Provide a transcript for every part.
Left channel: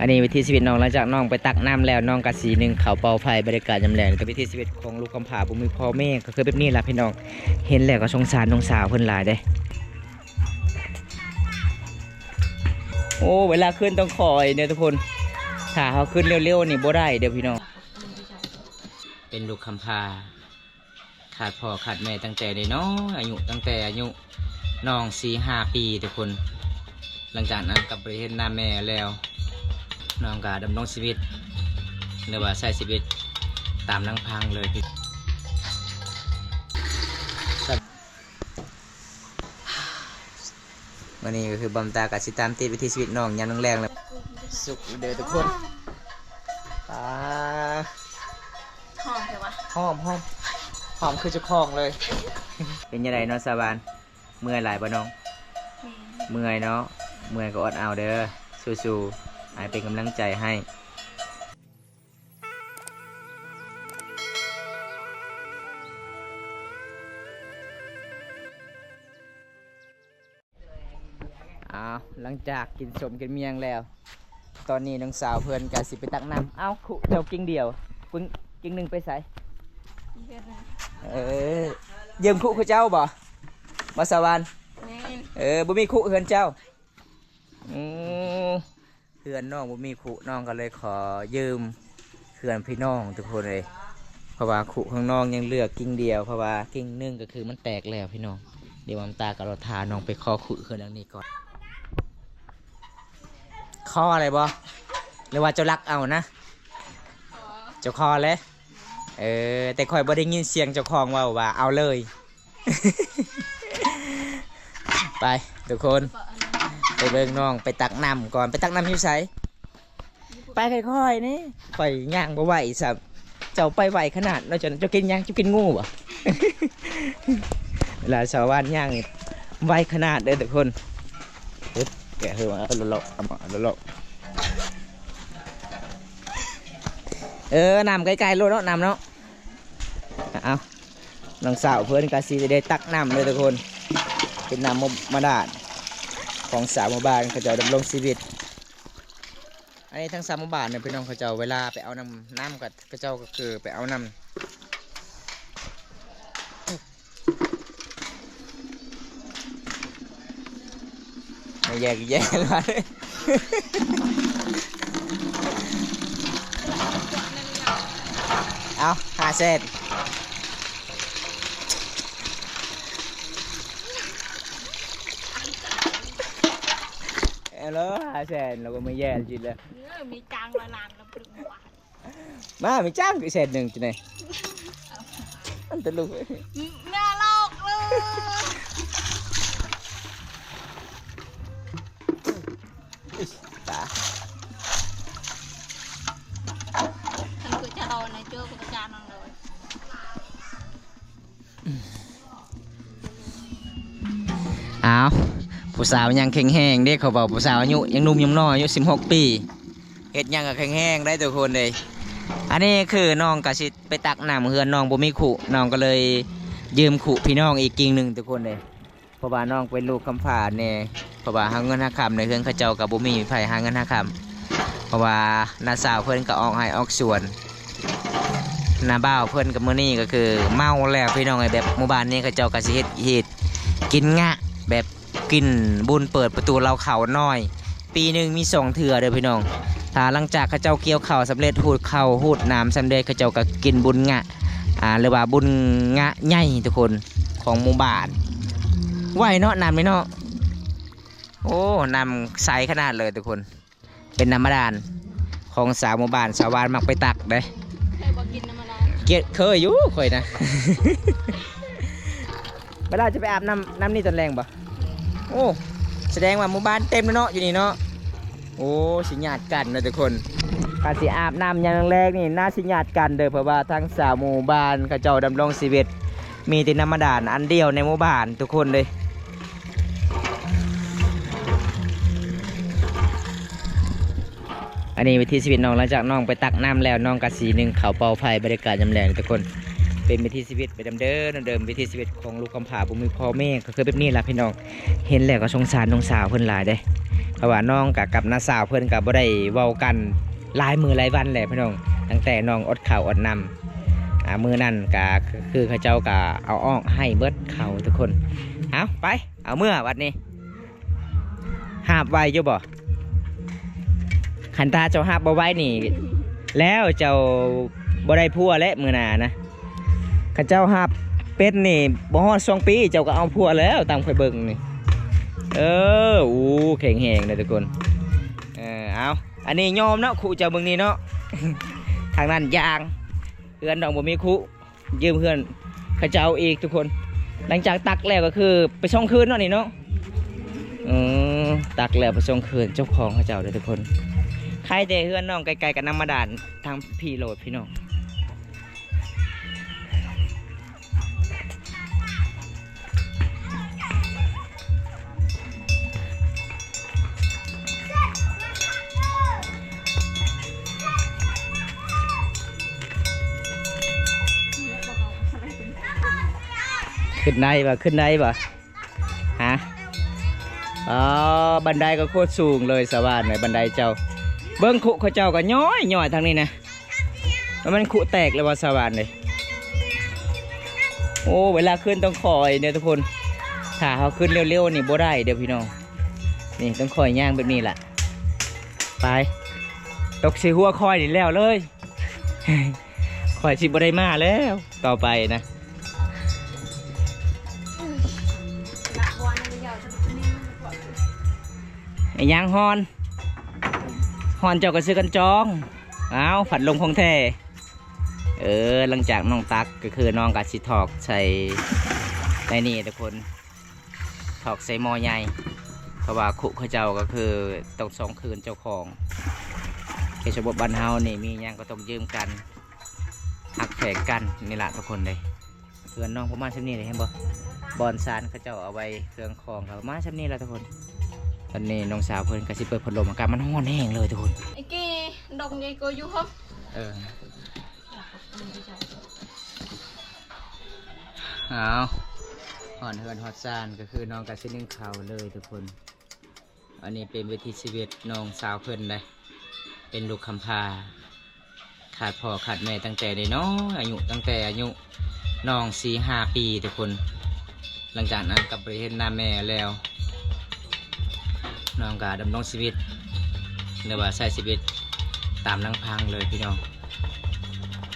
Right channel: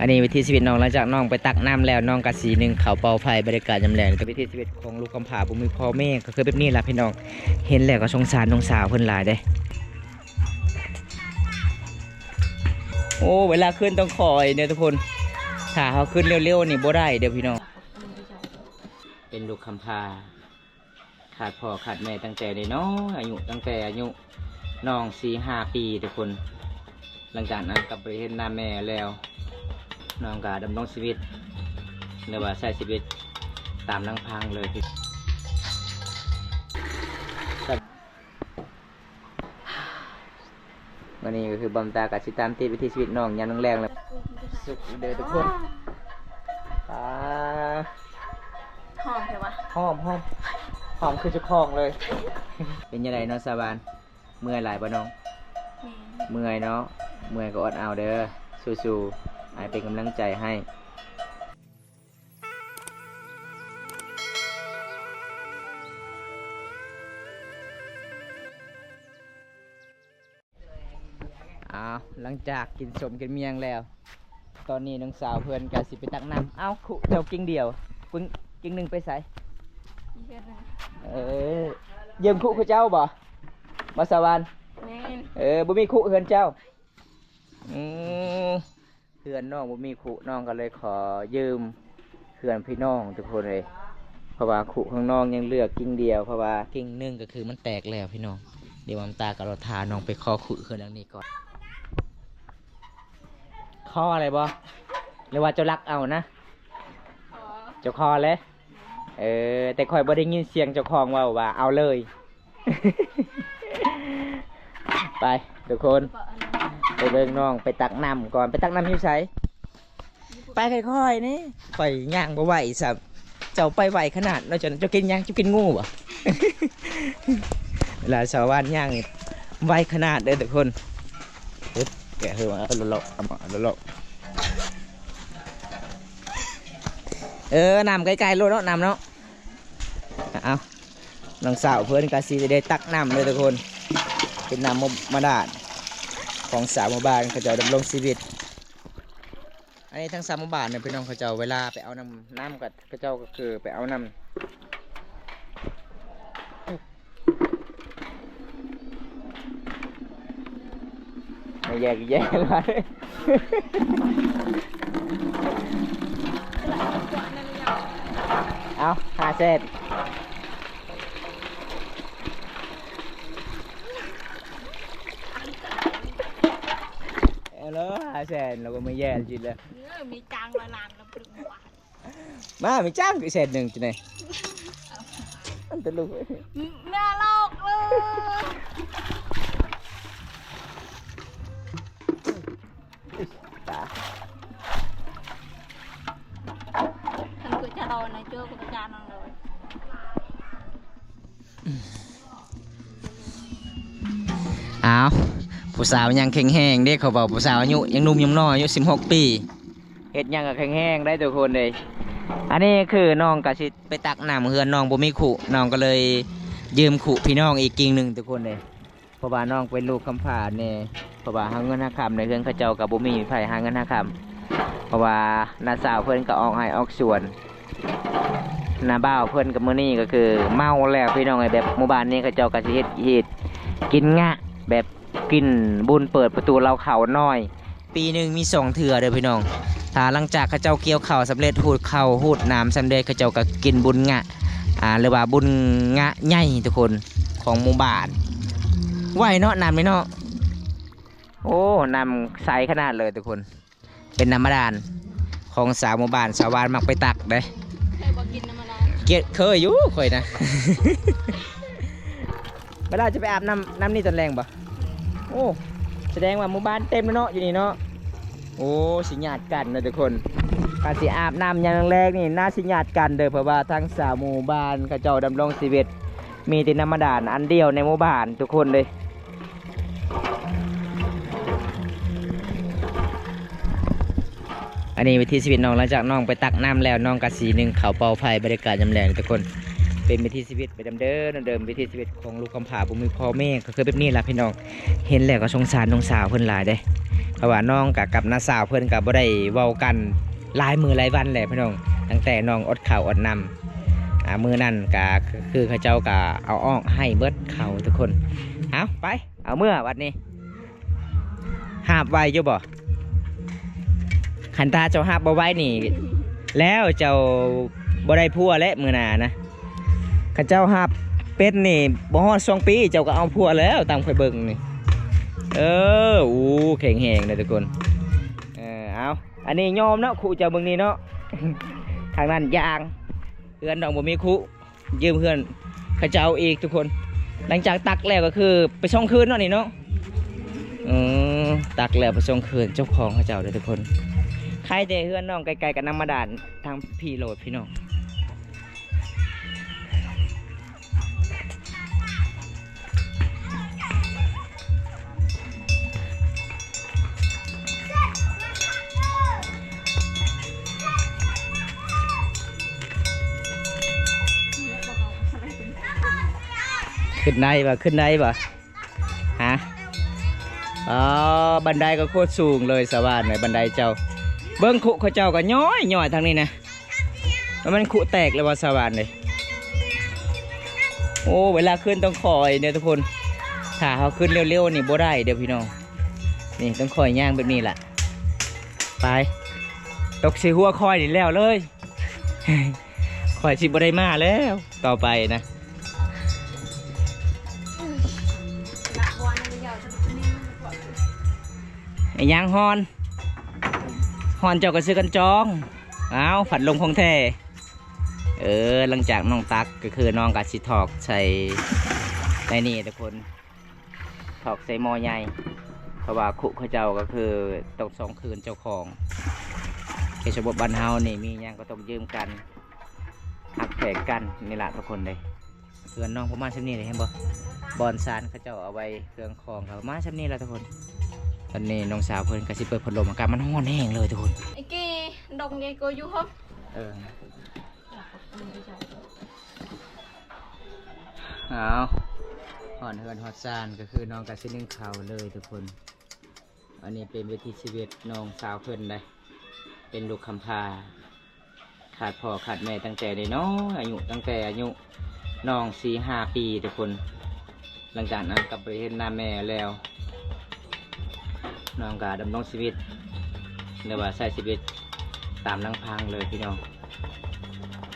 อันนี้วิธีชีวิตน้องหลังจากน้องไปตักน้ำแล้วน้องกะสีหนึ่งเขาเป่าไฟบรรยากาศยามแลงแต่วิธีชีวิตของลูกกำพร้าบุมีพ่อแม่ก็คือแบบนี้ล่ะพี่น้องเห็นแล้วก็สงสารน้องสาวเพิ่นหลายเด้โอ้เวลาขึ้นต้องคอยเนี่ยทุกคนถ้าเขาขึ้นเร็วๆนี่บ่ได้เดี๋ยวพี่น้องเป็นลูกกำพร้าขาดพ่อขาดแม่ตั้งแต่น้อยอายุตั้งแต่อายุน้อง4-5 ปีทุกคนหลังจากนั้นกลับไปเห็นหน้าแม่แล้วน้องก็ดำรงชีวิตหรือว่าใช้ชีวิตตามลำพังเลยพี่วันนี้ก็คือบำตากับสิตามติดวิถีชีวิตน้องยามแรงๆเลยสุขเด้อทุกคนหอมใช่ปะหอมคือจะคลองเลยเป็นยังไงน้องสาบานเมื่อยหลายปะน้องเมื่อยเนาะเมื่อยก็อดเอาเด้อสู้ๆให้เป็นกำลังใจให้หลังจากกินสมกินเมียงแล้วตอนนี้น้องสาวเพื่อนกันสิไปตักน้ำขุเจ้ากิ่งเดียวปึ้งกิ่งหนึ่งไปใส่ยืมขุคือเจ้าบ่มาสวรรค์บ่มีขุเฮือนเจ้าเฮือนน้องบ่มีขุน้องก็เลยขอยืมเฮือนพี่น้องทุกคนเลยเพราะว่าขุของน้องยังเหลือกิ่งเดียวเพราะว่ากิ่งหนึ่งก็คือมันแตกแล้วพี่น้องเดี๋ยวตากับเราทาน้องไปขอขุเฮือนอันนี้ก่อนข้ออะไรบ่หรือว่าเจ้ารักเอานะเจ้าคอเลยแต่คอยบ่ได้ยินเสียงเจ้าของว่าเอาเลย ไปทุกคนไปเบิ่งน้องไปตักน้ำก่อนไปตักน้ำอยู่ไสไปค่อยๆนี่ไปย่างบ่ไหวสับเจ้าไปไหวขนาดเราจะกินย่างจะกินงูบ่ เวลาชาวบ้านย่างนี่ไหวขนาดเด้อทุกคนแกะเฮือมาเลาะน้ำไกลๆโลดเนาะน้ำเนาะเอาน้องสาวเพื่อนกาซีจะได้ตักน้ำเลยทุกคนเป็นน้ำมาดาดของสาวหมู่บ้านเขาจะดำรงชีวิตอันนี้ทั้งสาวหมู่บ้านเนี่ยพี่น้องเขาจะเวลาไปเอาน้ำกับเขาเจ้าก็คือไปเอาน้ำไม่แยกเลยเอา5 เซนแล้ว5 เซนเราก็ไม่แย่จริงเลยมีจางละลานลำพึงหวานมามีจ้างกี่เซนหนึ่งจีเนี่ยอันตลุกน่าลอกเลยตาฉันคือจะรอในเจ้ากับจานนั่งเลยผู้สาวยังแข็งแห้งเด็กเขาบอกผู้สาวอายุยังหนุ่มยังน้อยอายุ16 ปีเฮ็ดยังกับแข็งแห้งได้ทุกคนเลยอันนี้คือน้องกะสิไปตักน้ำเฮือนน้องบ่มีขุน้องก็เลยยืมขุพี่น้องอีกกิ่งหนึ่งทุกคนเลยเพราะว่าน้องเป็นลูกกำพร้าเนี่ยเพราะว่าหาเงินหาคำในเฮือนเขาเจ้ากับบ่มีไผหาเงินหาคำเพราะว่าน้าสาวเพิ่นก็ออกให้ออกสวนน้าบ่าวเพิ่นกับมื้อนี้ก็คือเมาแล้วพี่น้องไอ้แบบหมู่บ้านนี้เขาเจ้าก็สิเฮ็ดกินงะแบบกินบุญเปิดประตูเราเขาน้อยปีหนึ่งมี2 เถื่อเด้อพี่น้องถ้าหลังจากเขาเจ้าเกี่ยวข้าวสำเร็จหูดข้าวหูดน้ำสำเร็จเขาเจ้าก็กินบุญงะหรือว่าบุญงะใหญ่ทุกคนของหมู่บ้านไหวเนาะน้ำไหมเนาะโอ้น้ำใสขนาดเลยทุกคนเป็นน้ำบาดาลของสาวหมู่บ้านสาวบ้านมักไปตักเด้เคยบอกกินน้ำมันเคยอยู่เคยนะ เวลาจะไปอาบน้ำนี่ตอนแรงปะโอ้แสดงว่าหมู่บ้านเต็มแล้วเนาะอยู่นี่เนาะโอ้สิญาติกันนะทุกคนการสิอาบน้ำอย่างแรกนี่น่าสิญาติกันเด้อเพราะว่าทั้งสาวหมู่บ้านเขาเจ้าดำรงชีวิตมีแต่น้ำบาดาลอันเดียวในหมู่บ้านทุกคนเลยอันนี้วิธีชีวิตน้องหลังจากน้องไปตักน้ำแล้วน้องกะสีหนึ่งเขาเป่าไฟบรรยากาศยามแลงทุกคนเป็นวิธีชีวิตไปเดิมวิธีชีวิตของลูกกำพร้าบุมีพ่อแม่ก็คือแบบนี้ล่ะพี่น้องเห็นแล้วก็สงสารน้องสาวเพิ่นหลายเด้ เพราะว่าน้องกับน้าสาวเพื่อนกับบ่ได้เว้ากันหลายมือหลายวันแหละพี่น้องตั้งแต่น้องอดข้าวอดน้ำมือนั่นก็คือเขาเจ้าก็เอาอ้อกให้เบิดเขาทุกคนเอาไปเอาเมื่อวันนี้หาบไว้อยู่บ่ขันตาเจ้าหาบบ่ไว้นี่แล้วเจ้าบ่ได้พัวและมือหนานะข้าเจ้าหาบเป็ดนี่บ่ฮอด2 ปีเจ้าก็เอาพัวแล้วตามข่อยเบิ่งนี่อู้แข็งแหงเลยทุกคนเอาอันนี้ยอมเนาะครูเจ้าเบิ่งนี่เนาะ ทางนั้นยางเพื่อนดองบ่มีครูยืมเพื่อนข้าเจ้าอีกทุกคนหลังจากตักแล้วก็คือไปส่งคืนเนาะนี่เนาะตักแล้วไปส่งคืนเจ้าของข้าเจ้าเลยทุกคนใครแต่เพื่อนน้องไกลๆกันน้ำมาด่านทางพี่โหลดพี่น้องขึ้นได้ป่ะขึ้นได้ป่ะฮะบันไดก็โคตรสูงเลยสวรรค์เลยบันไดเจ้าเบิ้งขุเขาเจ้าก็ย้อยทางนี้นะมันขุแตกเลยว่าสวรรค์เลยโอ้เวลาขึ้นต้องคอยเนี่ยทุกคนถ้าเขาขึ้นเร็วๆนี่บ่ได้เดี๋ยวพี่น้องนี่ต้องคอยย่างแบบนี้แหละไปตกสีหัวคอยนี่แล้วเลย คอยสิบ่ได้มาแล้วต่อไปนะไอ้ยางฮอนเจ้าก็ซื้อกันจองเอาผัดลมของแท้หลังจากน้องตักก็คือน้องกัดสิถอกใส่ในนี่ทุกคนถอกใส่หม้อใหญ่เพราะว่าคุเขาเจ้าก็คือต้อง2 คืนเจ้าของเขตชบบ้านเฮานี่มียังก็ต้องยืมกันหักแผงกันนี่แหละทุกคนเลยเพื่อนน้องประมาณชั้นนี้เลยเห็นบ่บอนซานเขาเจ้าเอาไว้เครื่องคองครับประมาณชั้นนี้แหละทุกคนตอนนี้น้องสาวเพื่อนก็สิเปิดพัดลมอากาศมันร้อนแห้งเลยทุกคนไอ้กี้ดงไงกูอยู่ครับเอาหอนเฮือนฮอดซานก็คือน้องกับซินึ่งเขาเลยทุกคนอันนี้เป็นวิถีชีวิตน้องสาวเพื่อนเลยเป็นลูกคำพาขาดพ่อขาดแม่ตั้งแต่เด็กน้อยอายุตั้งแต่อายุน้อง4-5 ปีทุกคนหลังจากนั้นกลับไปเห็นหน้าแม่แล้วน้องก็ดำรงชีวิตหรือว่าใช้ชีวิตตามลำพังเลยพี่น้อง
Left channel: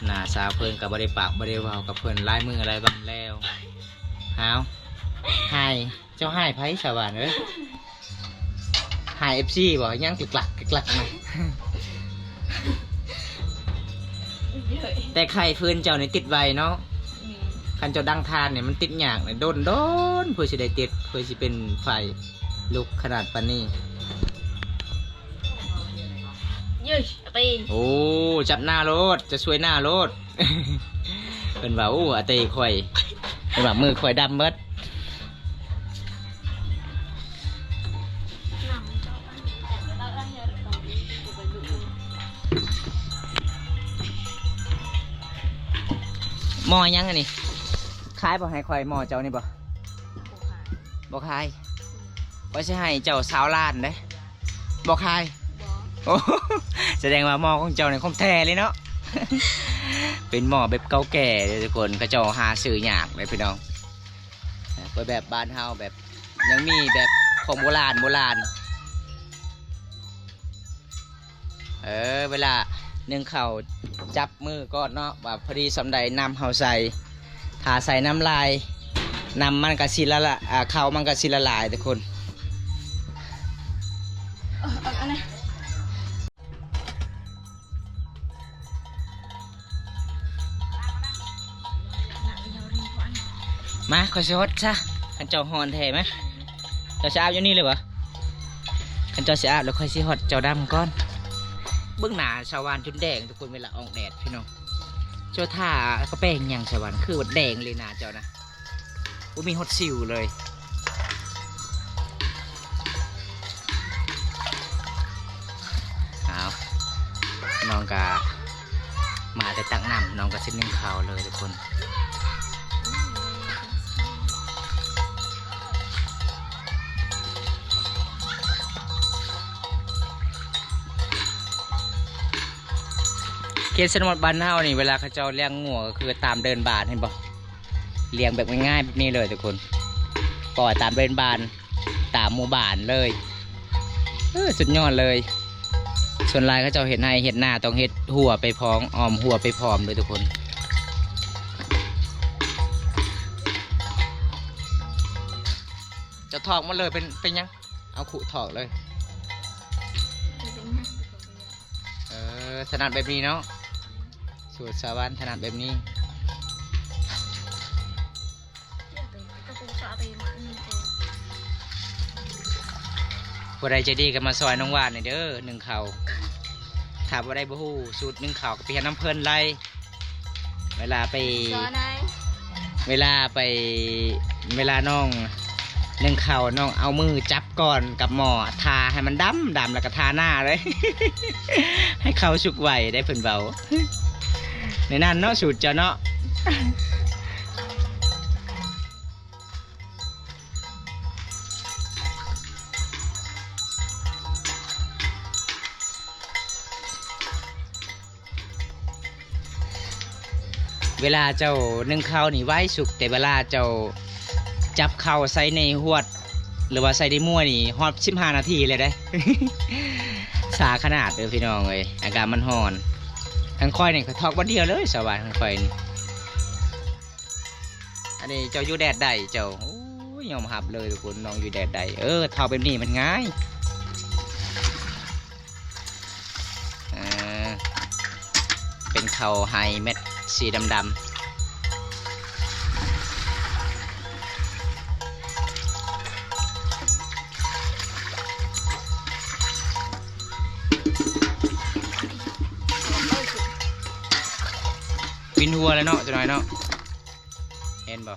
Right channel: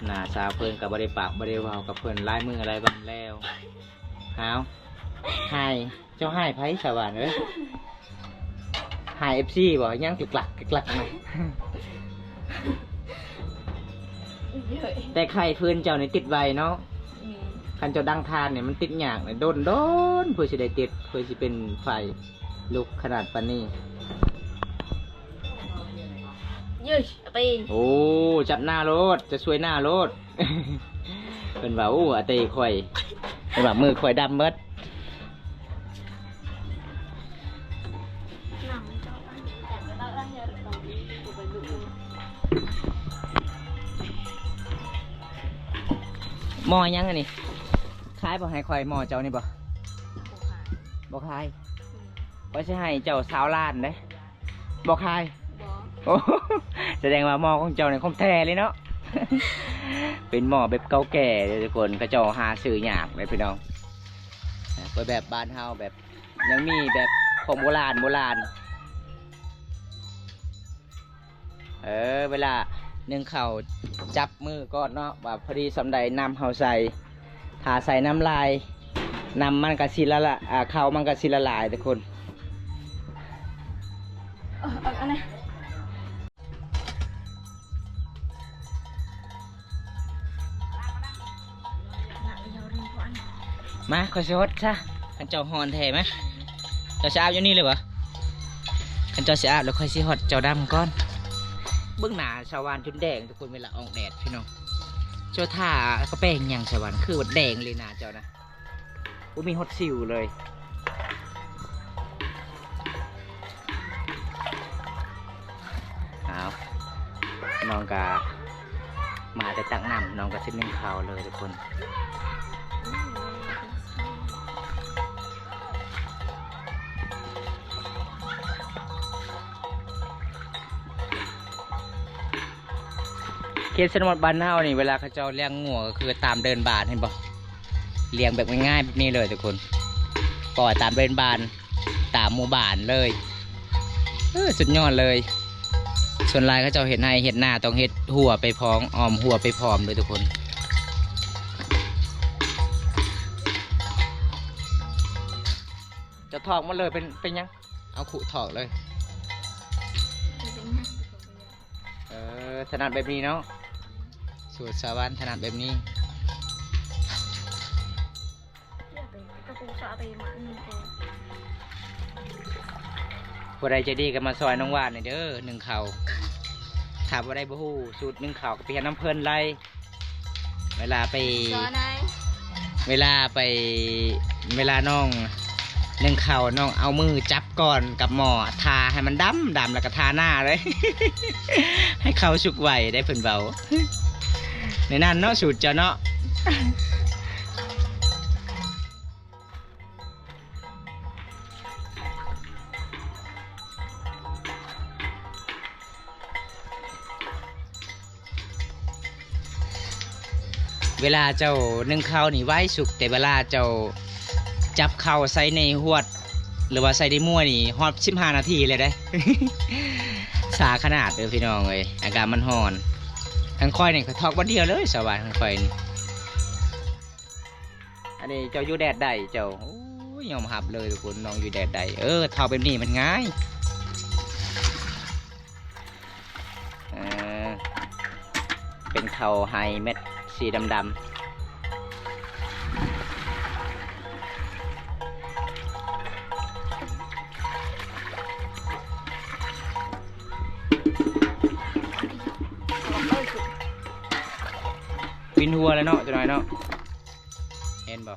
หน้าสาวเพื่อนกับบริปากบริวาวกับเพื่อนลายมืออะไรบ้างแล้วหาวให้เจ้าให้ไพ่ชาวบ้านเลยให้FCบอกยังกลักนะแต่ไข่ฟืนเจ้าเนี่ยติดไวเนาะคันเจ้าดังทานเนี่ยมันติดหยากเนี่ยโดนเพื่อจะได้ติดเพื่อจะเป็นไฟลุกขนาดปานนี้ยืดตี โอ้จับหน้ารถจะช่วยหน้ารถ เป็นว่าโอ้อาเตยข่อยเป็นว่ามือข่อยดำเบิดหม้อยังอันนี้ขายบ่ให้ข่อยหม้อเจ้านี่บ่บ่ขายว่าจะให้เจ้าสาวล้านเด้บ่ขายโอ้แสดงว่าหม้อของเจ้าเนี่ยของแท้เลยเนาะ เป็นหม้อแบบเก่าแก่เลยทุกคนก็เจ้าหาซื้อยากเลยพี่น้องไปแบบบ้านเฮาแบบยังมีแบบของโบราณเวลานึ่งข้าวจับมือก่อนเนาะว่าพอดีสำใดน้ำเฮาใส่ถ้าใส่น้ำลายน้ำมันก็สิละละข้าวมันก็สิละลายทุกคนอันนี้มาขอสิฮดซะขันเจ้าฮอนแท้ไหมเจ้าสิอาบอยู่นี่เลยวะขันเจ้าสิอาบแล้วค่อยสิฮดเจ้าดำก่อนเบื้องหน้าชาวบ้านจนแดงทุกคนเวลาออกแดดพี่น้องเจ้าท่าก็แป้งยังชาวบ้านคือว่าแดงเลยหน้าเจ้านะกูมีฮดสิวเลยเอาน้องกามาแต่ตักน้ำน้องก็เส้นนึ่งข้าวเลยทุกคน เขตชนบทบ้านเฮานี่เวลาเขาเจ้าเลี้ยงงัวก็คือตามเดินบานเห็นบ่เลี้ยงแบบง่ายๆแบบนี้เลยทุกคนปล่อยตามเดินบานตามหมู่บ้านเลยสุดยอดเลยส่วนลายเขาเจ้าเห็ดให้เห็ดหน้าต้องเห็ดหัวไปพร้อมอ้อมหัวไปพร้อมเลยทุกคนจะถอกมาเลยเป็นยังเอาขุถอกเลยถนัดแบบนี้เนาะสูตรสาวรรค์ถนัดแบบนี้ผู้ใดใจะดีก็มาซอยน้องวานหน่อยเด้อหนึ่งเข่าถามว่าได้บ่ฮู้สูตรหนึ่งเข่าก็ไปหาน้ำเพลินไรเวลาน้องหนึ่งเข่าน้องเอามือจับก่อนกับหม้อทาให้มันดำแล้วก็ทาหน้าเลย ให้เขาสุกไหวได้เพิ่นเบาในนั้นเนาะสูตรเจ้าเนาะเวลาเจ้านึ่งข้าวนี่ไว้สุกแต่เวลาเจ้าจับข้าวใส่ในหวดหรือว่าใส่ในมั่วนี่ฮอด15 นาทีเลยได้ สาขนาดเลยพี่น้องเลยอากาศมันร้อนทั้งค่อยนี่เขาทอกวันเดียวเลยสบายทั้งค่อยนี่อันนี้เจ้าอยู่แดดได้เจ้าโอ้ยยอมหับเลยทุกคนน้องอยู่แดดได้ทอกแบบนี้มันง่ายเป็นข้าวไฮเม็ดสีดำวินหัวแล้วเนาะตัวน้อยเนาะเห็นบ่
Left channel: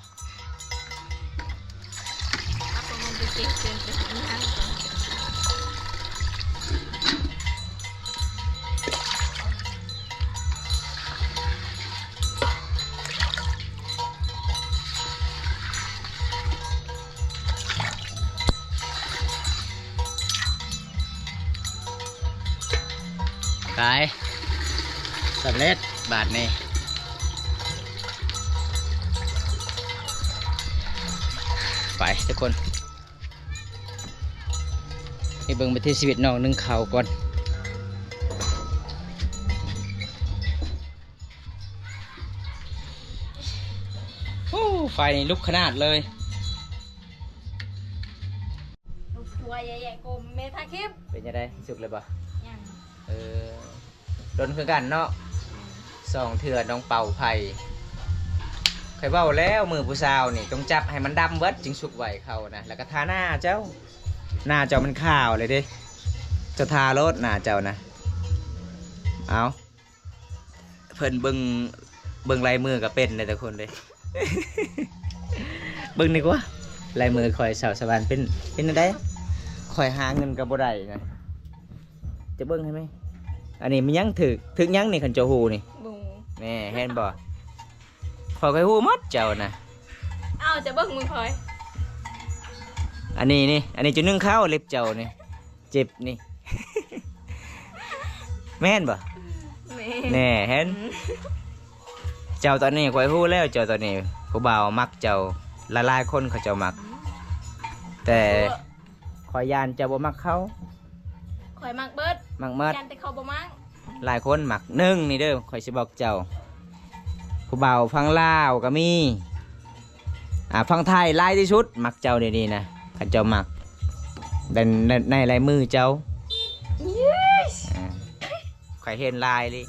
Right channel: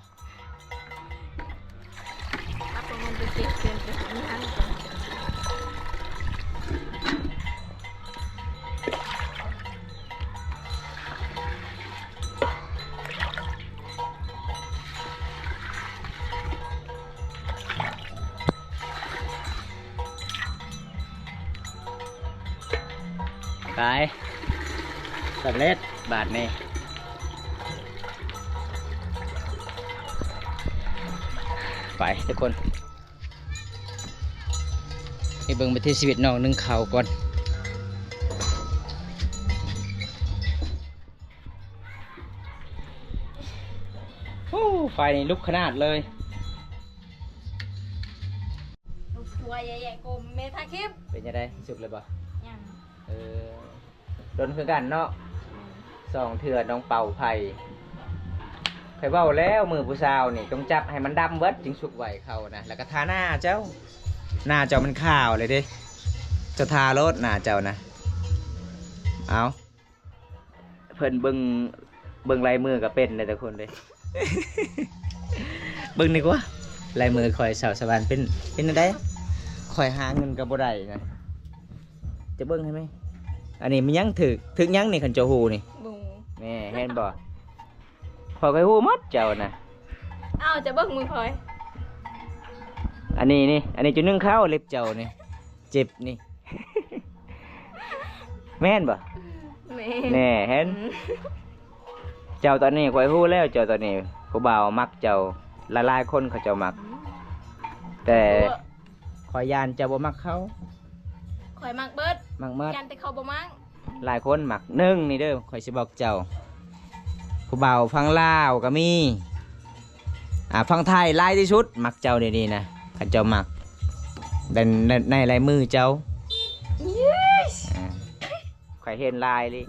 ไปสำเร็จบาทนี่ไปทุกคนไปเบิ่งไปที่ชีวิตน้องนึ่งข้าวก่อนโอ้ไฟนี่ลุกขนาดเลยลูกทัวใหญ่ๆกลมเมทาคลิปเป็นยังไงสุกเลยปะยังโดนคือกันเนาะสองเถื่อน้องเป่าไผ่เคยเบ้าแล้วมือผู้สาวนี่ต้องจับให้มันดำเบิดจึงสุกไหวเขานะแล้วก็ทาหน้าเจ้ามันขาวเลยดิจะทารถหน้าเจ้านะเอาเพิ่นเบิ่งลายมือก็เป็นเลยแต่คนเลย เบิ่งดีกว่าลายมือคอยสาวสวรรค์เป็นอะไรคอยหาเงินกับบ่ได้นะจะเบิ่งให้ไหมอันนี้มันยังถึกยังนี่ขันเจ้าหูนี่แม่เห็นบ่พอคอยหูมัดเจ้านะเอาจะเบิ่งมือคอยอันนี้จะนึ่งข้าวเล็บเจ้านี่เจ็บนี่ แม่นบ่แน่เห็นเจ้าตอนนี้คอยหูแล้วเจ้าตอนนี้ผู้บ่าวมักเจ้าละลายคนเขาเจ้ามักแต่คอยยานเจ้าบ่มักเขาคอยมักเบิดมักเบิดยันแต่เขาบ่มักหลายคนมักนึ่งนี่เด้อคอยสิบอกเจ้าผู้บ่าวฟังลาวก็มีฟังไทยลายที่สุดมักเจ้าดีๆนะขันเจ้ามักในลายมือเจ้าคอยเห็นลายเลย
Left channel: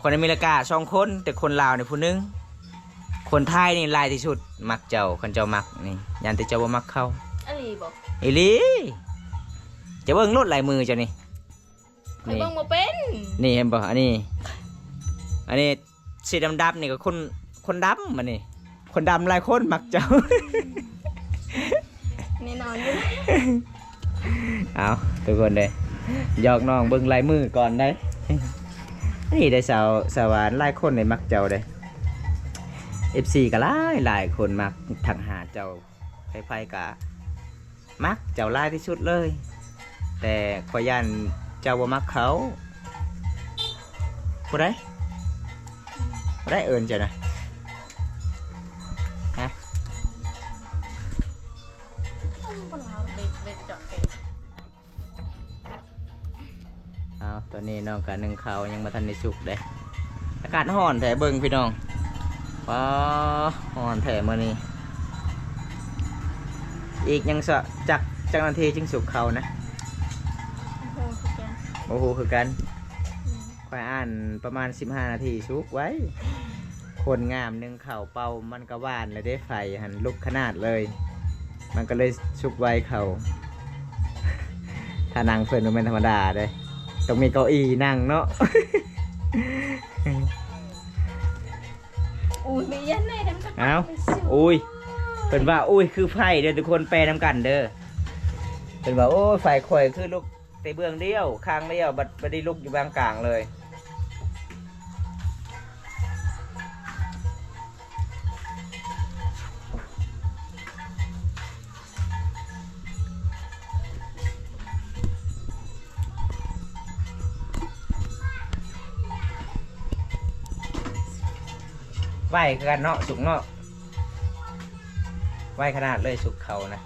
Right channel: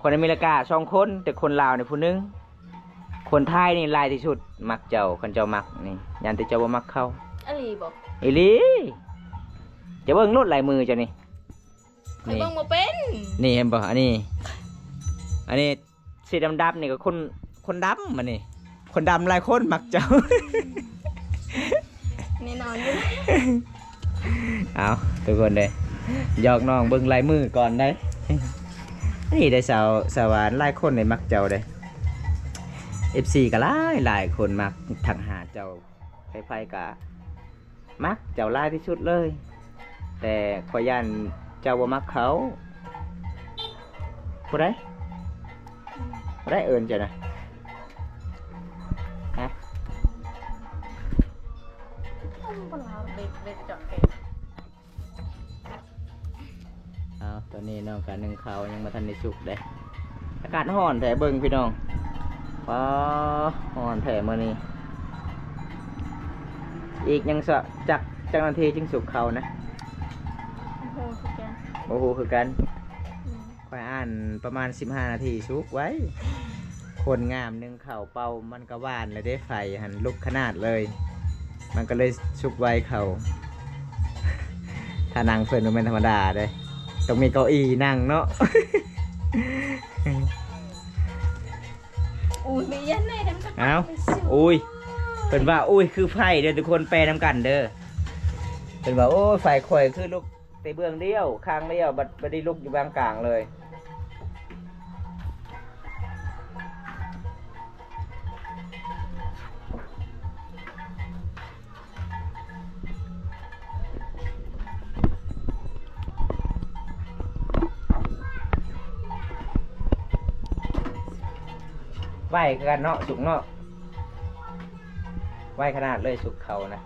คนอเมริกา2 คนแต่คนลาวเนี่ยผู้นึงคนไทยนี่ลายที่สุดมักเจ้าขันเจ้ามักนี่ยันแต่เจ้าบ่มักเขาอลีบอกอีลีจะเบิ่งลดลายมือเจ้านี่เบิ่งบ่เป็นนี่เห็นบ่อันนี้สีดำๆนี่ก็คนดำมันนี่คนดำหลายคนมักเจ้าแน่นอนอยู่เอาทุกคนเลยหยอกน้องเบิ่งลายมือก่อนได้นี่ได้สาวานหลายคนในมักเจ้าได้ FC ก็หลายคนมักทักหาเจ้าไฟกะมักเจ้าหลายที่สุดเลยแต่ขอยันเจ้าบ่มักเขาผู้ใด ได้เอิญจ้ะนะฮะ ปลาเบ็ดเบ็ดเจาะเบ็ด เอาตอนนี้น้องกะนึ่งข้าวยังมาทันได้สุกเลยอากาศร้อนแถเบิ่งพี่น้องว้าร้อนแถมื้อนี้อีกยังสะจักนาทีจึงสุกเขานะ โอ้โหคือแก โอ้โหคือกันค่อยอ่านประมาณ15นาทีสุกไว้ คนงามนึ่งข้าวเป่ามันก็หวานเลยได้ไฟหันลุกขนาดเลย มันก็เลยสุกไว้เขา ถ้านั่งเพื่อนมันเป็นธรรมดาเลยต้องมีเก้าอี้นั่งเนาะ อุ้ยไม่ยันเลยแต่มันก็ เอ้า ไปสิว อุ้ยเป็นว่าอุ้ยคือไฟเด้อทุกคนแปลนำกันเด้อเป็นว่าโอ้ยไฟข่อยคือลูกในเบื้องเดียวข้างเดียวบัดได้ลุกอยู่บางกลางเลยไหวกันเนาะสุกเนาะไหวขนาดเลยสุกเขานะ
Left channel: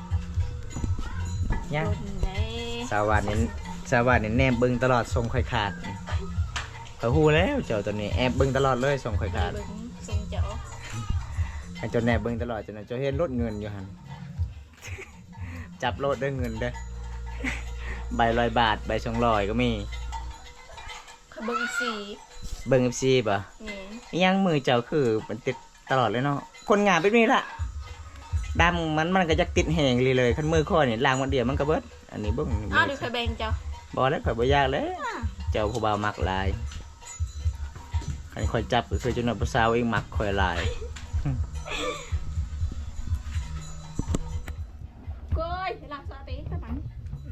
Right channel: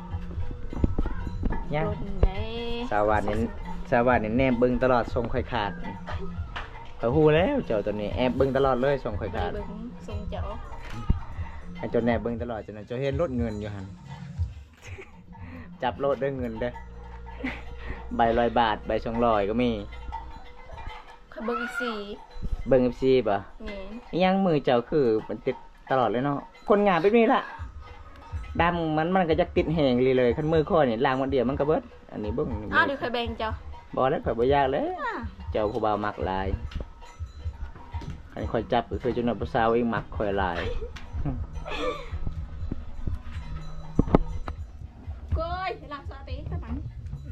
ยัง โดนได้ สาวันนี้แนบเบึงตลอดส่งข่อยขาดเขาฮู้แล้วเจ้าตัวนี้แอบเบึงตลอดเลยส่งข่อยขาด เบิ่งทรงเจ้า ให้เจ้าแนบเบึงตลอดจนเจ้าเห็นรถเงินอยู่หัน จับรถด้วยเงินเด้อ ใบ100 บาทใบ200ก็มี เขาเบิ่งอีกสี่ เบิ่งFC ป่ะ นี่ ยังมือเจ้าคือมันติดตลอดเลยเนาะคนงานแบบนี้ล่ะดำมันก็จะติดแหงเลยคันมือข้อนี่ล้างวันเดียวมันก็เบิดอันนี้เบิ่ง อ้าวเดี๋ยวใครแบ่งเจ้า บ่แล้วข่อยบ่ยากเลย อ่า เจ้าผู้บ่าวมักหลายคันข่อยจับก็คือจนว่าผู้สาวเองมักข่อยหลาย ก้อยล้างสติกันมั้ง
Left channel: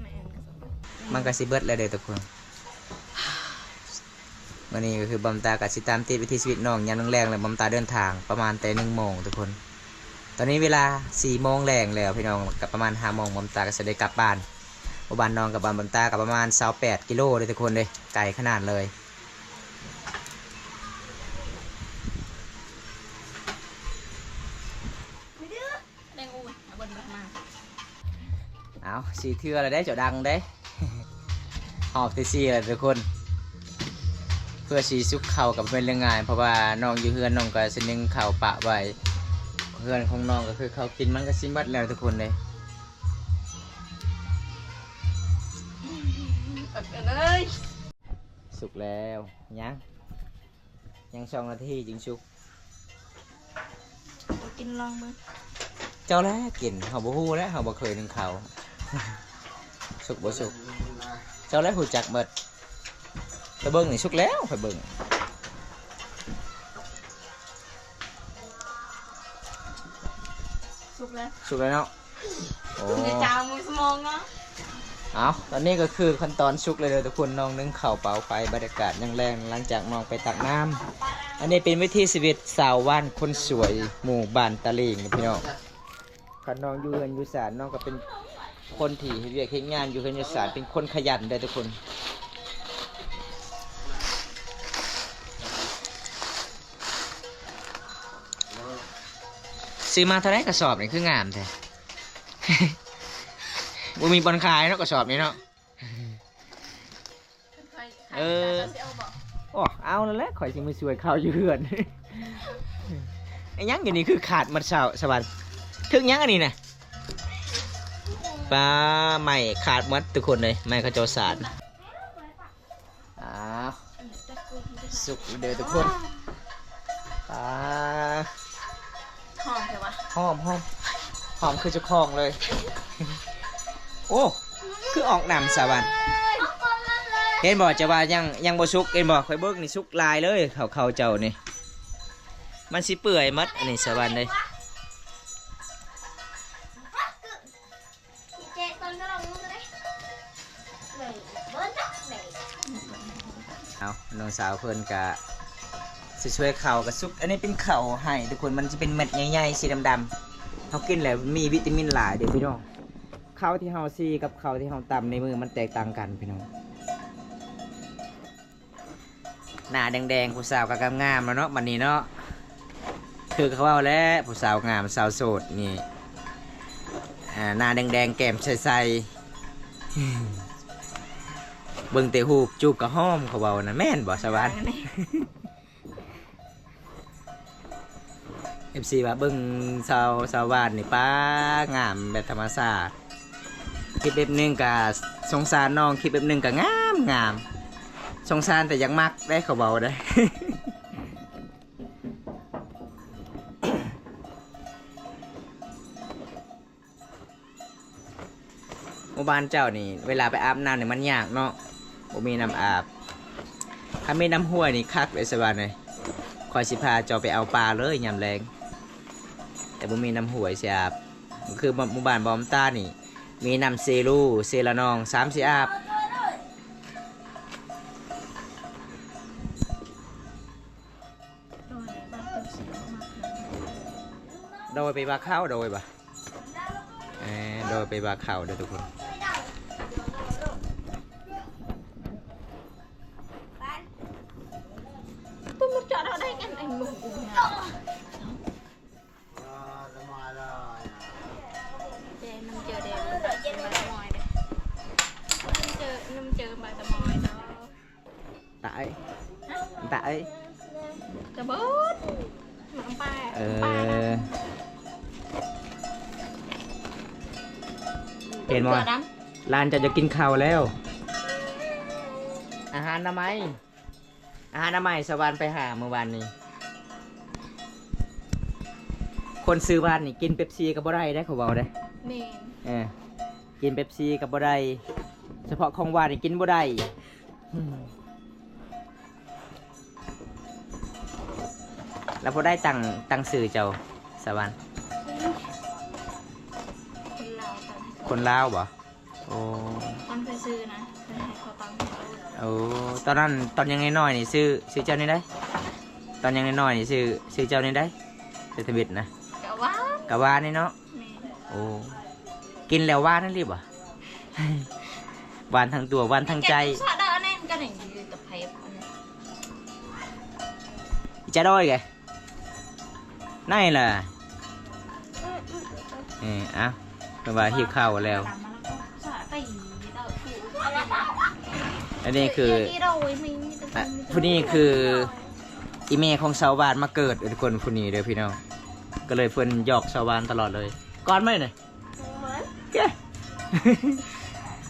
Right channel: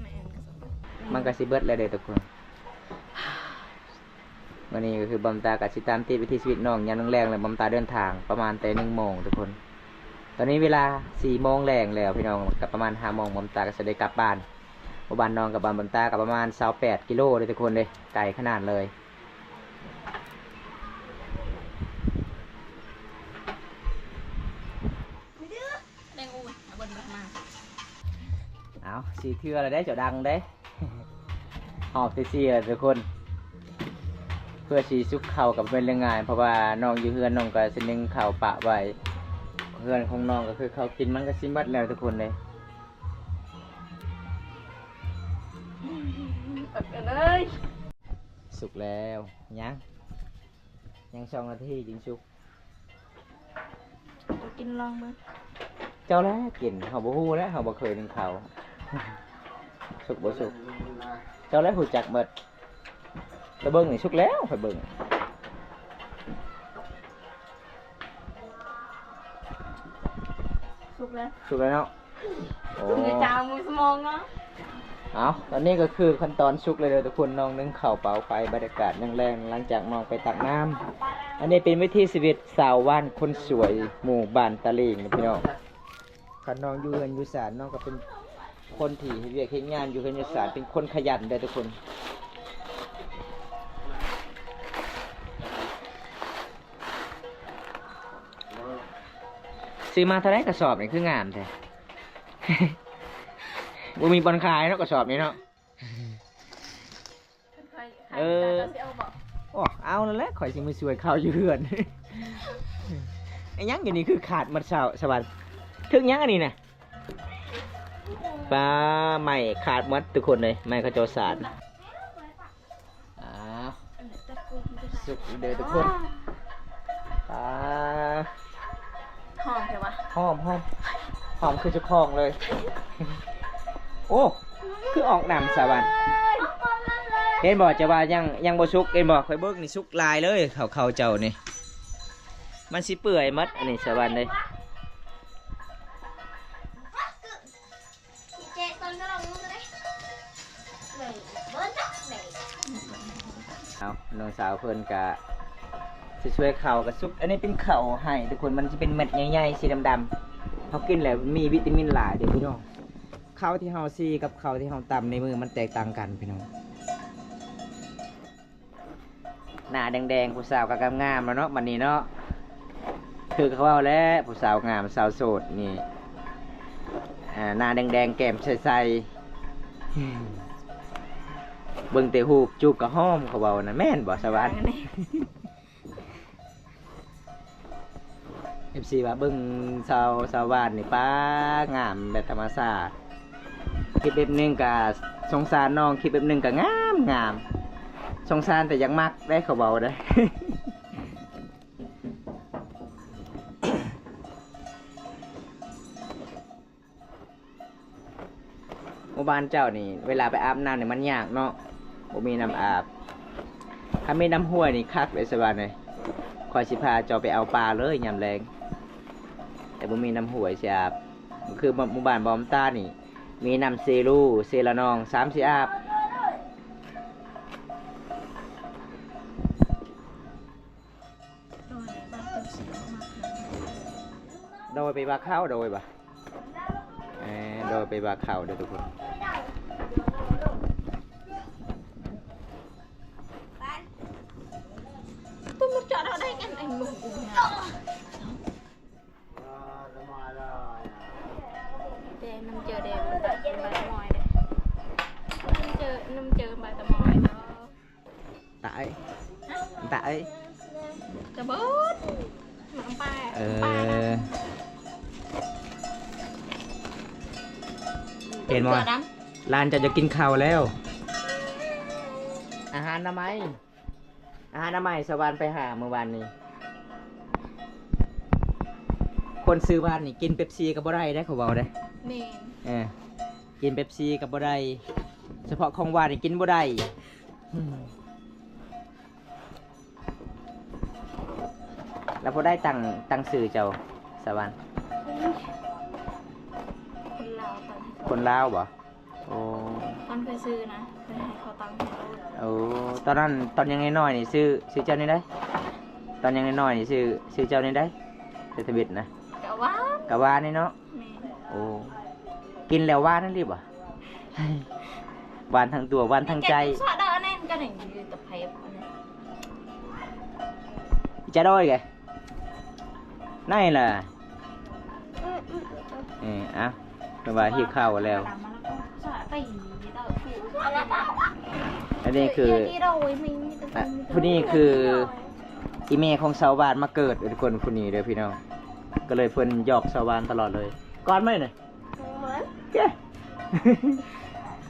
แม่นก็สติ มันก็สิเบิดแล้วเด้อทุกคนวันนี้ก็คือบอมตากับสิตามติดวิถีชีวิตน้องยามแรงๆเลยบอมตาเดินทางประมาณแต่1 โมงทุกคน ตอนนี้เวลา4 โมงแรงแล้วพี่น้องกับประมาณ5 โมงบอมตาก็จะได้กลับบ้านบ้านน้องกับบ้านบอมตากับประมาณ28 กิโลเลยทุกคนเลยไกลขนาดเลย แดงอุ้ยเอาบนมา เอาสีเทืออะไรได้เจ้าดังได้ หอบตีซีเลยทุกคน เพื่อสีซุกเข่ากับเป็นเรื่องงานเพราะว่าน้องอยู่เฮือนน้องก็สนึงเข่าปะไว้เฮือนของน้องก็คือเขากินมันก็ซิมัดแล้วทุกคนเลย เลย สุกแล้วยัง2 นาทีจึงสุก กินลองมึง เจ้าแล้วกินเขาบ่ฮู้แล้วเขาบ่เคยนึ่งเขา สุกบ่สุกเจ้าแล้วหูจักเบิดตะเบิ่งนี่สุกแล้วค่อยเบิ่ง สุกแล้ว สุกแล้วเนาะโอ้ เดี๋ยวจ้ามือสมองเนาะ เอาตอนนี้ก็คือขั้นตอนสุกเลยทุกคนน้องนึ่งข้าวเปล่าไฟบรรยากาศยังแรงหลังจากน้องไปตักน้ำอันนี้เป็นวิธีชีวิตสาวว่านคนสวยหมู่บ้านตะลิงพี่น้องคันน้องอยู่เฮือนอยู่ศาลน้องก็เป็นคนที่เรียกเฮ็ดงานอยู่เฮือนอยู่ศาลเป็นคนขยันเด้อทุกคนซื้อมาเท่าไรกระสอบนี่คืองามแท้ บ่มีบอลขายเนาะกระสอบนี้เนาะ เออเอาบอก โอ้เอาแล้วแหละข่อยสิมาช่วยข้าวอยู่เฮือน ไอ้ยังอย่างนี้คือขาดมันสวรรค์ถึงยังอันนี้นะปลาใหม่ขาดหมัดทุกคนเลยไม่เขาเจ้าสารอ้าวสุกเด้อทุกคนปลา หอมใช่ปะ หอมคือเจ้าของเลย โอ้คือออกน้ำสวรรค์เห็นบอกจะว่ายังบ่สุกเห็นบอกข่อยเบิกนี่สุกลายเลยเขาเจ้านี่มันสิเปื่อยมัดอันนี้สวรรค์เลยเอาน้องสาวเพิ่นกะสิช่วยเข่ากับซุกอันนี้เป็นเข่าให้ทุกคนมันจะเป็นเม็ดใหญ่ๆสีดำๆเขากินแล้วมีวิตามินหลายเด็กพี่น้องข้าวที่เฮาซีกับข้าวที่เฮาตำในมือมันแตกต่างกันพี่น้อง หน้าแดงๆผู้สาวก็งามๆแล้วเนาะบัดนี้เนาะคือเขาว่าแล้วผู้สาวงามสาวโสดนี่หน้าแดงๆแก้มใสๆเบิ่งแต่หูปจูบกับหอมเขาเว้านะแม่นบ่สวรรค์ FC ว่าเบิ่งสาวบ้านนี่ป้างามแบบธรรมชาติคลิปแบบนึงก็สงสารน้องคลิปแบบนึงก็งามสงสารแต่ยังมักได้เขาเบาได้ หมู่บ้านเจ้านี่เวลาไปอาบน้ำเนี่ยมันยากเนาะบ่มีน้ำอาบถ้ามีน้ำห้วยนี่คักเลยสบายเลยคอยสิพาเจ้าไปเอาปลาเลยยามแรงแต่บ่มีน้ำห้วยสิอาบคือหมู่บ้านบอมต้านี่มีน้ำเซรูเซละนอง3 4อาบโดยไปบาเข้าโดยบ่โดยไปบาเข้าเด้อทุกคนtôi muốn chọn ở đây anh ngủ để nằm chờ để bài tập mỏi đây nằm chờ bài tập mỏi đó tại tập bớt nằm ba đó เห็นบ่ร้านจะกินข้าวแล้วอาหารทำไมสวรรค์ไปหาเมื่อวานนี้คนซื้อบ้านนี่กินเป๊ปซี่กับบ่ได้ได้เขาบอกได้ เมน กินเป๊ปซี่กับบ่ได้เฉพาะของหวานนี่กินบ่ได้แล้วบ่ได้ตังซื้อเจ้าสวรรค์คนลาวบ่โอ้ ตอนไปซื้อนะไปให้เขาตังค์เขา โอ้ตอนนั้นตอนยังน้อยๆนี่ซื้อเจ้านี่ได้ตอนยังน้อยๆนี่ซื้อเจ้านี่ได้เศรษฐบิดนะ กะว่านี่เนาะ เมน โอ้กินแล้วหวานนั่นรีบอ่ะ หวานทั้งตัวหวานทั้งใจ สะดอแน่นกันอย่างยืนตะเพบจะด้อยไงนั่นล่ะอ่ะเพราะว่าหิวข้าวแล้วอันนี้คือผู้นี้คืออีเมของชาวบ้านมาเกิดทุกคนผู้นี้เด้อพี่น้องก็เลยเพิ่นหยอกชาวบ้านตลอดเลยก่อนไหมหน่อยแก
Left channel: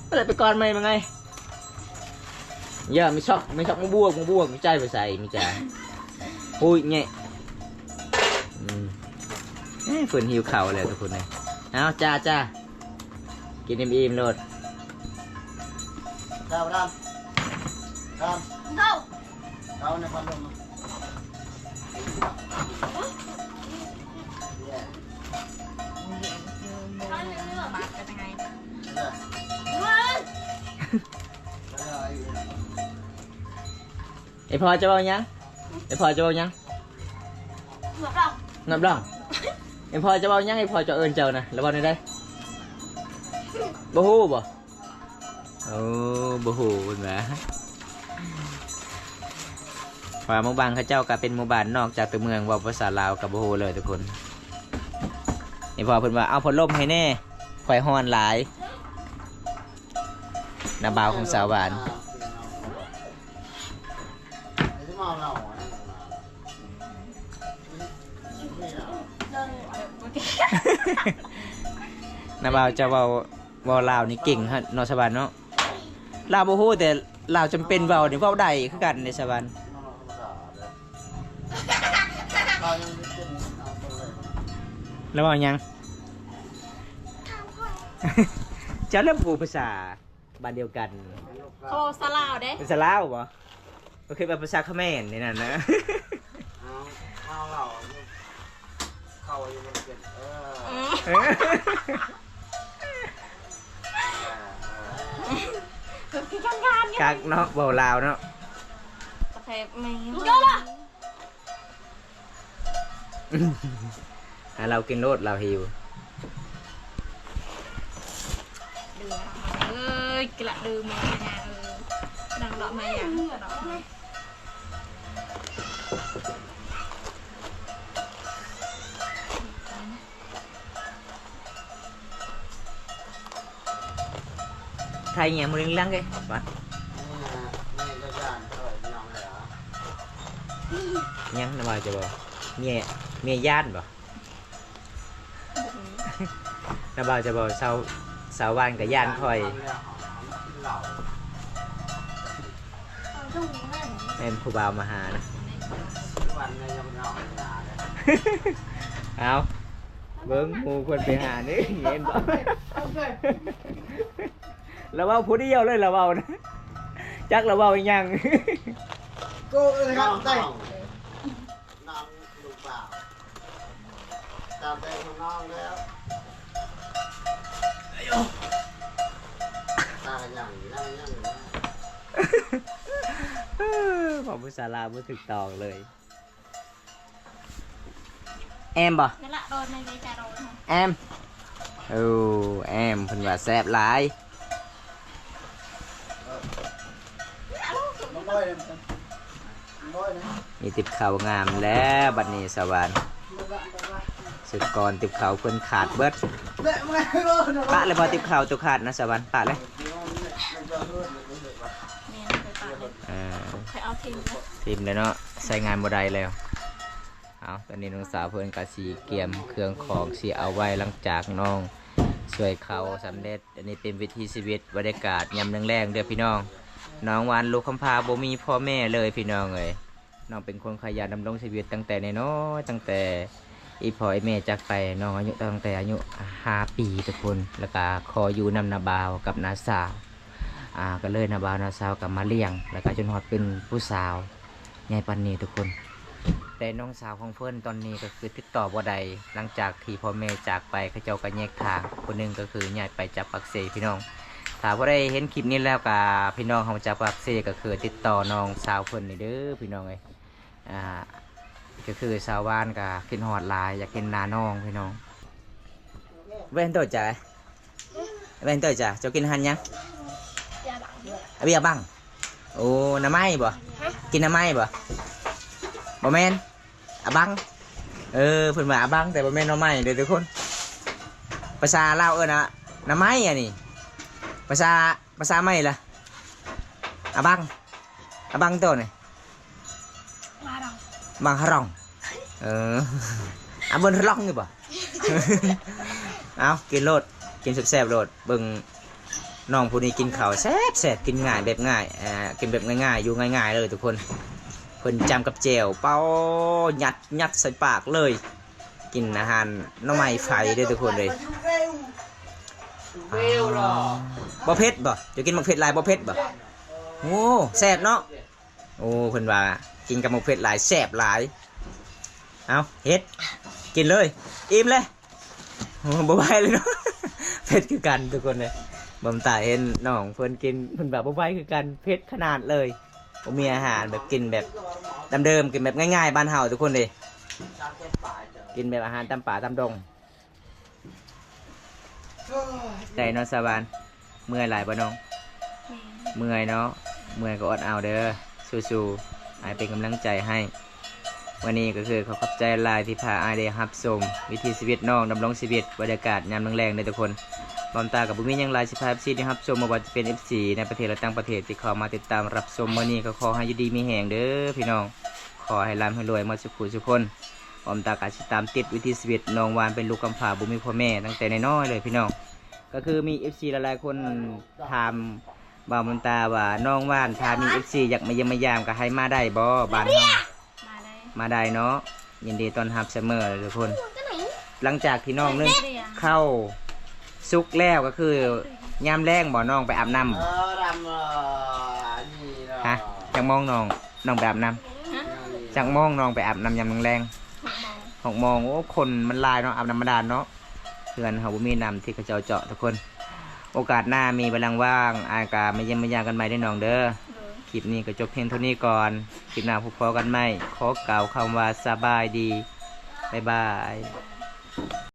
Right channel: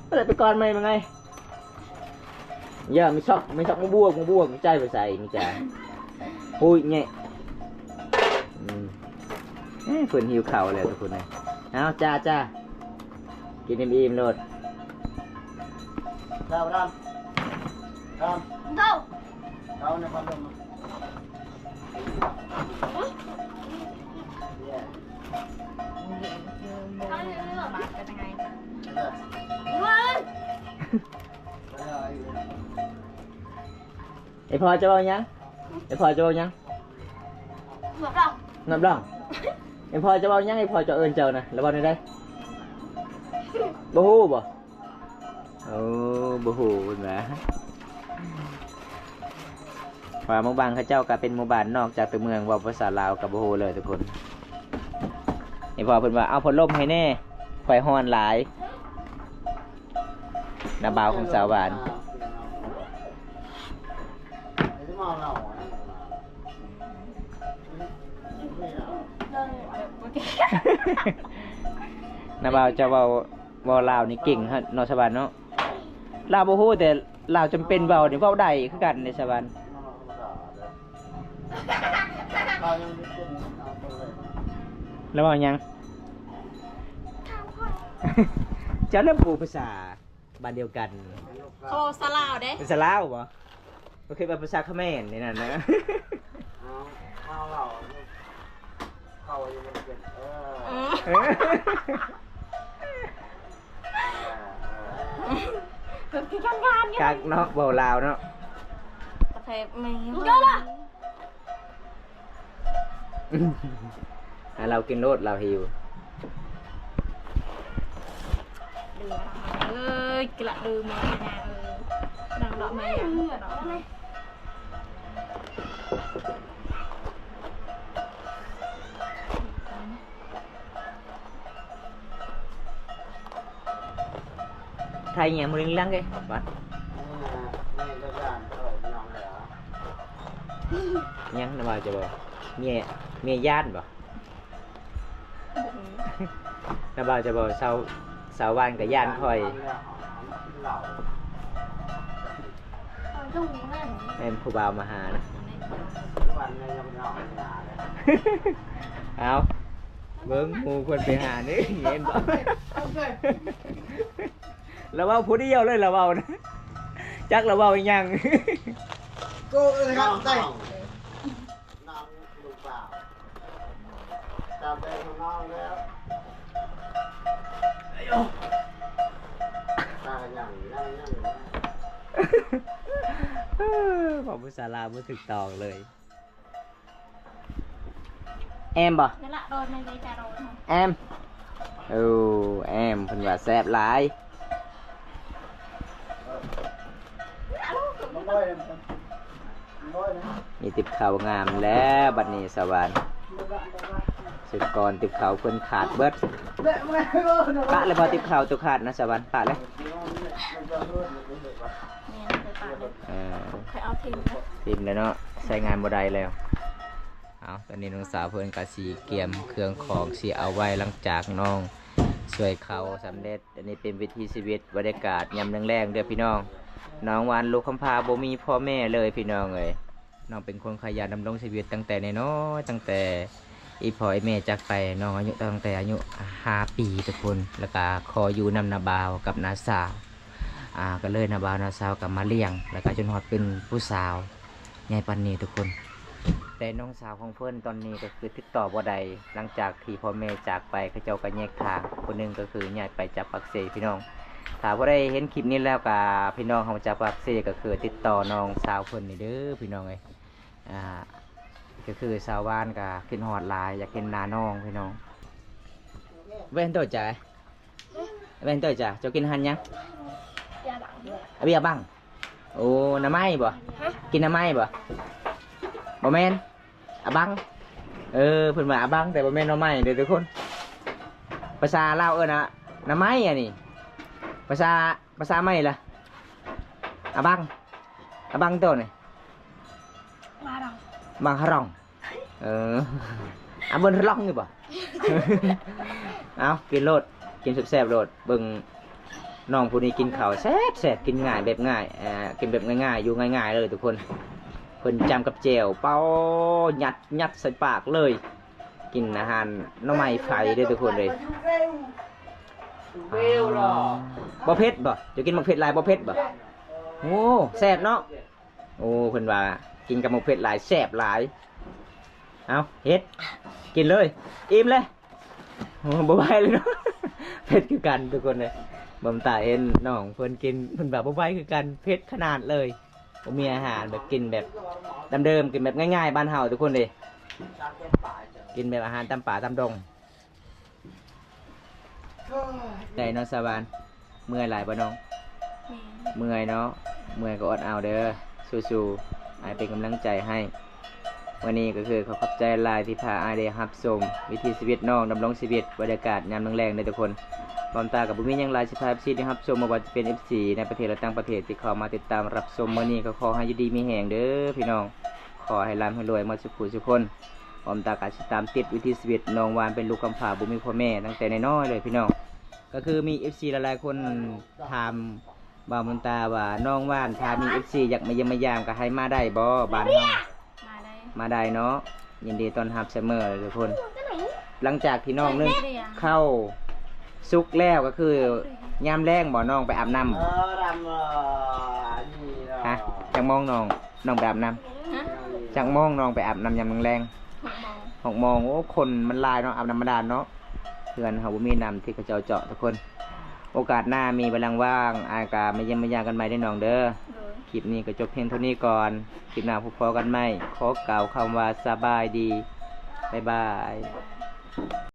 อะไรไปก่อนไหมเป็นไงเยอะไม่ชอบมาบวกไม่ใจไปใส่ไม่จ่าอุ้ยเงี้ยเพิ่นหิวข้าวแล้วทุกคนเลยเอาจ้ากินอิ่มๆโลดดาวเท่าในความเป็นบาดกันยังไงไอพอจะเอายังงับดองไอพอจะเอายังไอพอจะเอิญเจ้านะแล้วบอกได้บ่ฮู้บ่โอ้บ่ฮู้เป็นไงว่าหมู่บ้านเขาเจ้าก็เป็นหมู่บ้านนอกจากตัวเมืองว่าภาษาลาวกับบ่ฮู้เลยทุกคนไอพอเพิ่นว่าเอาพัดลมให้แน่ไฟฮ้อนหลายน้าบ่าวของสาวบ้านน้าบ่าวจะเว้าลาวนี่เก่งฮะนอสวรรค์เนาะลาวบ่ฮู้แต่ลาวจำเป็นเว้านี่เว้าได้คือกันในสวรรค์แล้วเว้ายังจะเริ่มพูดภาษาบ้านเดียวกัน โอ้สลาวเด้ เป็นสลาวบ่ก็คือเป็นภาษาเขมรนี่นั่นนะเข้าอยู่บนเกล็ดคือทำงานกักเนาะเบาลาวเนาะตะเพบไม่เรากินโลดเราหิวเอ้ยกระดือมาเนี่ยดังดอกไม้อย่างดอก khai nhà một linh lăng cái bạnนี่ก็ย่านเท่าน้องเหรอ nhắn nó bao cho bò mẹ mẹ gian bảo nó bao cho bò sau ban cả gian khỏi เหล่า เอาทุ่งแม่ em khu bào mà hà nè วันนี้ยังนอนหนาเลย áo vâng mua quân về hà nữa em bảo là bao phút đi yêu lên là bao nè chắc là bao nhang กูเลยครับได้นอนลูกเปล่าตามใจของน้องแล้วตาอย่างนั่งอย่าง บอกภาษาลาวไม่ถึกตองเลย emบ่ นั่นละโดนในใจจะโดน em em phần và xẹp lại น้องบอยเลยน้องบอยนะ มีติบเข่างามแล้วบัดนี้สวรรค์สุดก่อนติบเข่าเพิ่นขาดเบิดปะเลยพอติบเข่าตัวขาดนะสวรรค์ปะเลย แม่เคยปาดเลย À, เคยเอาทิ้งนะ ทีมเลยเนาะใช้งานบ่ได้แล้วเอาตอนนี้น้องสาวเพิ่นก็สีเกียมเครื่องของสีเอาไว้หลังจากน้องช่วยเขาสำเร็จอันนี้เป็นวิถีชีวิตบรรยากาศยามแรงๆเด้อพี่น้องน้องวานลูกคำพาบ่มีพ่อแม่เลยพี่น้องเอ้ยน้องเป็นคนขยันดำรงชีวิตตั้งแต่น้อยๆตั้งแต่อีพ่ออีแม่จากไปน้องอายุตั้งแต่อายุ5 ปีทุกคนแล้วก็ขออยู่นำนาบาวกับนาสาวก็เลยนาบาวนาสาวกับมาเลี้ยงแล้วก็จนฮอดเป็นผู้สาวใหญ่ปันนี้ทุกคนแต่น้องสาวของเพื่อนตอนนี้ก็คือติดต่อบ่ได้หลังจากที่พ่อแม่จากไปเขาเจ้าก็แยกทางคนหนึงก็คือย้ายไปจากปักเสพี่น้องถ้าบ่ได้เห็นคลิปนี้แล้วก็พี่น้องของจากปักเสก็คือติดต่อน้องสาวเพิ่นนี่เด้อพี่น้องเอ้ยก็คือสาวบ้านก็ขึ้นฮอดหลายอยากเห็นหน้าน้องพี่น้องเว้นตัวจ้ะเว้นตัวจ้ะเจ้ากินหันยัง อย่าบัง เบียร์บังโอ้น้ำไม้บ่กินน้ำไม้บ่บ่แม่นบังเเพิ่นว่าบังแต่บ่แม่นน้ำไม้เด้อทุกคนภาษาลาวนะน้ำไม้อ่ะนี่ภาษาไม้ล่ะบังบังตัวนี่ มาดอง บังฮารองบนฮารองอยู่บ่ เอากินโลดกินแซ่บๆโลดเบิ่งน้องผู้นี้กินข้าวแซ่บๆกินง่ายแบบง่ายกินแบบง่ายๆอยู่ง่ายๆเลยทุกคนเพิ่นจำกับแจ่วเป้ายัดใส่ปากเลย กินอาหารหน่อไม้ไฟเด้อทุกคนเลยบ่เผ็ดบ่จะกินบ่เผ็ดหลายบ่เผ็ดบ่โอ้แซ่บเนาะโอ้เพิ่นว่ากินกับบ่เผ็ดหลายแซ่บหลายเอาเฮ็ดกินเลยอิ่มเลยโอ้บ่ไหวเลยเนาะ เผ็ดคือกันทุกคนเลยบ่มตาเห็นน้องเพิ่นกินเพิ่นแบบบ่ไหวคือกันเผ็ดขนาดเลยบ่มีอาหารแบบกินแบบเดิมๆกินแบบง่ายๆบ้านเฮาทุกคนเลยกินแบบอาหารตามป่าตามดงได้เนาะสาวานเมื่อยหลายบ่น้อง แม่ เมื่อยเนาะเมื่อยก็อดเอาเด้อสู้ๆอายเป็นกำลังใจให้วันนี้ก็คือขอขอบใจหลายที่พาอายได้รับชมวิถีชีวิตน้องดำรงชีวิตบรรยากาศยามแรงๆเลยทุกคนบอมตากับบุ้มียังหลายสิพา FC ได้รับชมมาว่าจะเป็น FC ในประเทศและต่างประเทศที่เข้ามาติดตามรับชมมื้อนี้ก็ขอให้อยู่ดีมีแหงเด้อพี่น้องขอให้ร่ำให้รวยหมดทุกคนบอมตาก็สิตามติดวิถีชีวิตน้องวานเป็นลูกกำพร้าบุ้มีพ่อแม่ตั้งแต่น้อยๆเลยพี่น้องก็คือมี FC หลายๆคนถามบ่าวมนตาว่าน้องว่านถ้ามี FC อยากมาเยี่ยมมายามก็ให้มาได้บ่บ้านเฮา มาได้ มาได้เนาะยินดีต้อนรับเสมอเลยทุกคน หลังจากที่น้องนึ่งเข้าซุกแล้วก็คือยามแรงบ่น้องไปอาบน้ รำนี่ ำฮะจังมองน้องไปอาบน้ ฮะ ำจังมองน้องไปอาบน้ำยามแรง 6 โมง 6 โมงโอ้คนมันหลายเนาะอาบน้ำมาดานเนาะเพื่อนเขาบ่มีน้ำที่เขาเจาะทุกคน โอกาสหน้ามีเวลาว่างอากามาเยี่ยมมายามกันใหม่ได้น้องเด้อ เลย คลิปนี้ก็จบเพียงเท่านี้ก่อนคลิปหน้าพบกันใหม่ขอกล่าวคำว่าสบายดีบ๊ายบาย